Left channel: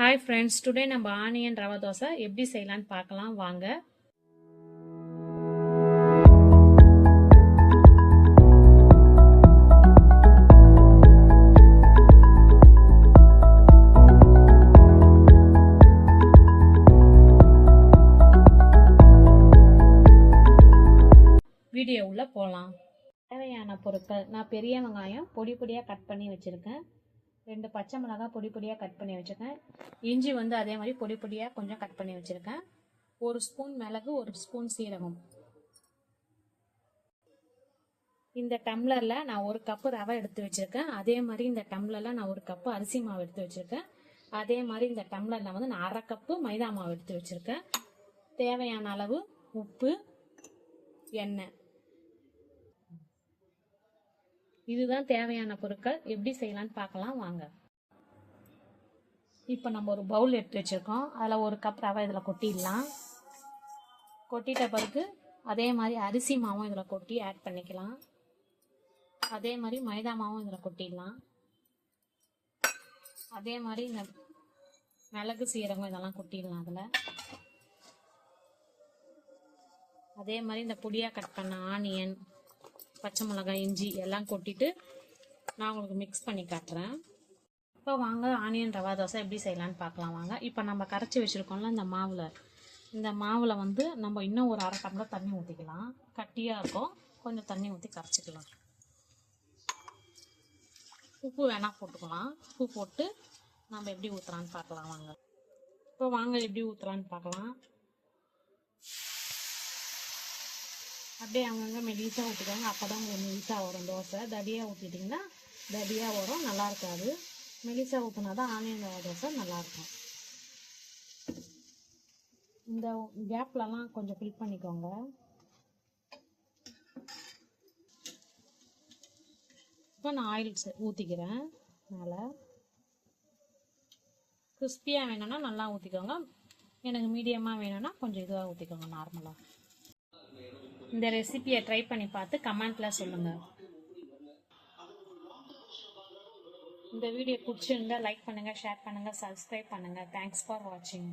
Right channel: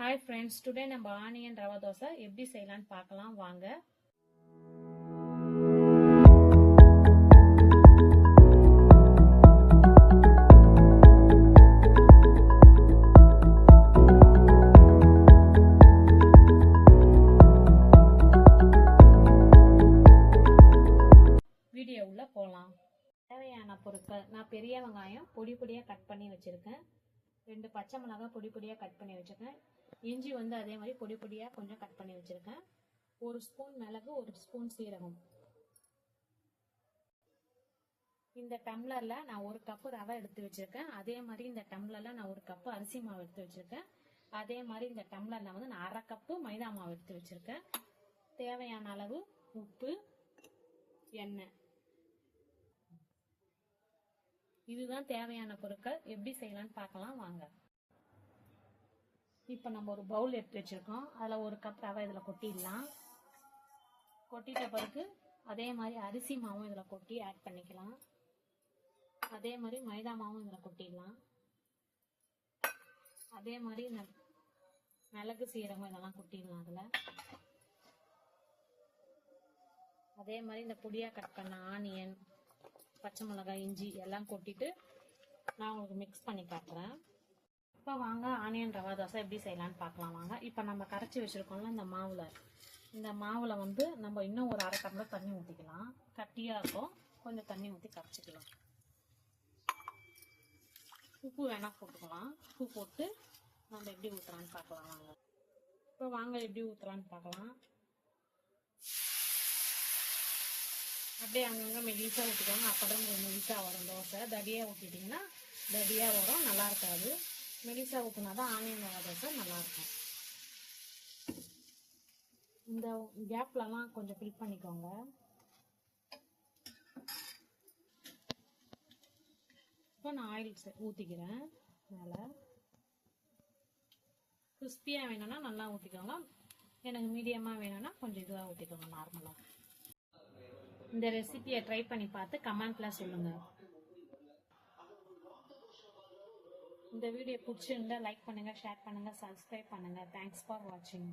Hi friends, today நம்ம onion rava dosa எப்படி செய்யலான்னு பார்க்கலாம் வாங்க. வீடியோ உள்ள போகலாம். தேவையான பொருட்கள்: நான் பெரிய வெங்காயம் பொடி பொடியாக கட் பண்ணி வச்சுருக்கேன். 2 பச்சை மிளகாய் பொடி பொடியாக கட் பண்ணி வச்சுருக்கேன். இஞ்சி அதே மாதிரி பொடி பொடியாக கொஞ்சம் கட் பண்ணி வச்சுருக்கேன். 1 ஸ்பூன் மிளகு, 1 ஸ்பூன் சீரகம். இந்த டம்ளரில் நான் 1 கப்பு ரவை எடுத்து வச்சுருக்கேன். அதே மாதிரி இந்த டம்ளரில் நான் 1 கப்பு அரிசி மாவு எடுத்து வச்சுருக்கேன். அதே மாதிரி இந்த டம்ளரில் நான் 1/2 கப்பு மைதா மாவு எடுத்து வச்சுருக்கேன். தேவையான அளவு உப்பு, எண்ணெய். இதுதான் தேவையான பொருட்கள். எப்படி செய்யலான்னு பார்க்கலாம் வாங்க. இப்போ நம்ம ஒரு பவுல் எடுத்து வச்சுருக்கோம். அதில் 1 கப் ரவை இதில் கொட்டிடலாம். கொட்டிட்ட பிறகு அதே மாதிரி அரிசி மாவும் இதில் கொட்டி ஆட் பண்ணிக்கலாம். அதே மாதிரி மைதா மாவும் இதில் கொட்டிடலாம். அதே மாதிரி இந்த மிளகு, சீரகம் இதெல்லாம் கொட்டிடலாம் அதில். அதே மாதிரி இந்த பொடியாக கட் பண்ண ஆனியன், பச்சை மிளகாய், இஞ்சி எல்லாம் கொட்டிட்டு நான் உங்களுக்கு மிக்ஸ் பண்ணி காட்டுறேன். இப்போ வாங்க ஆனியன் ரவா தோசை எப்படி செய்யலான்னு பார்க்கலாம் வாங்க. இப்போ நம்ம கரைச்சி வச்சுருக்கோம்ல இந்த மாவில் நம்ம இன்னும் ஒரு 1/2 டம்ளர் தண்ணி ஊற்றிக்கலாம். கட்டியாக இருக்கும், கொஞ்சம் தண்ணி ஊற்றி கரைச்சிக்கலாம். உப்பு வேணால் போட்டுக்கலாம். உப்பு போட்டு நம்ம எப்படி ஊற்றுலான்னு பார்க்கலாம் வாங்க. இப்போ வாங்க எப்படி ஊற்றுலான்னு பார்க்கலாம். அப்படியே அங்கங்கே மெலிசாக ஊற்றிக்கோங்க. அப்போ தான் உங்களுக்கு மெலிசாக வரும் தோசை. தடியாக ஊற்றிட்டிங்கன்னா தடியாக வரும், நல்லா இருக்காது. மெலிசாக ஊற்றினா தான் ஆனியன் ரவா தோசை நல்லாயிருக்கும். இந்த கேப்லலாம் கொஞ்சம் ஃபில் பண்ணிக்கோங்க. இப்போ நான் ஆயில் ஊற்றிக்கிறேன். மேலே கிறிஸ்பியாக வேணும்னா நல்லா ஊற்றிக்கோங்க. எனக்கு மீடியமாக வேணும்னா கொஞ்சம் இதுவாக ஊற்றிக்கோங்க, நார்மலாக. இந்த ரெசிபியை ட்ரை பண்ணி பார்த்து கமெண்ட்டில் சொல்லுங்கள். இந்த வீடியோ பிடிச்சிருந்தா லைக் பண்ணுங்கள், ஷேர் பண்ணுங்கள், சப்ஸ்கிரைப் பண்ணுங்கள். தேங்க்ஸ் ஃபார் வாட்சிங்.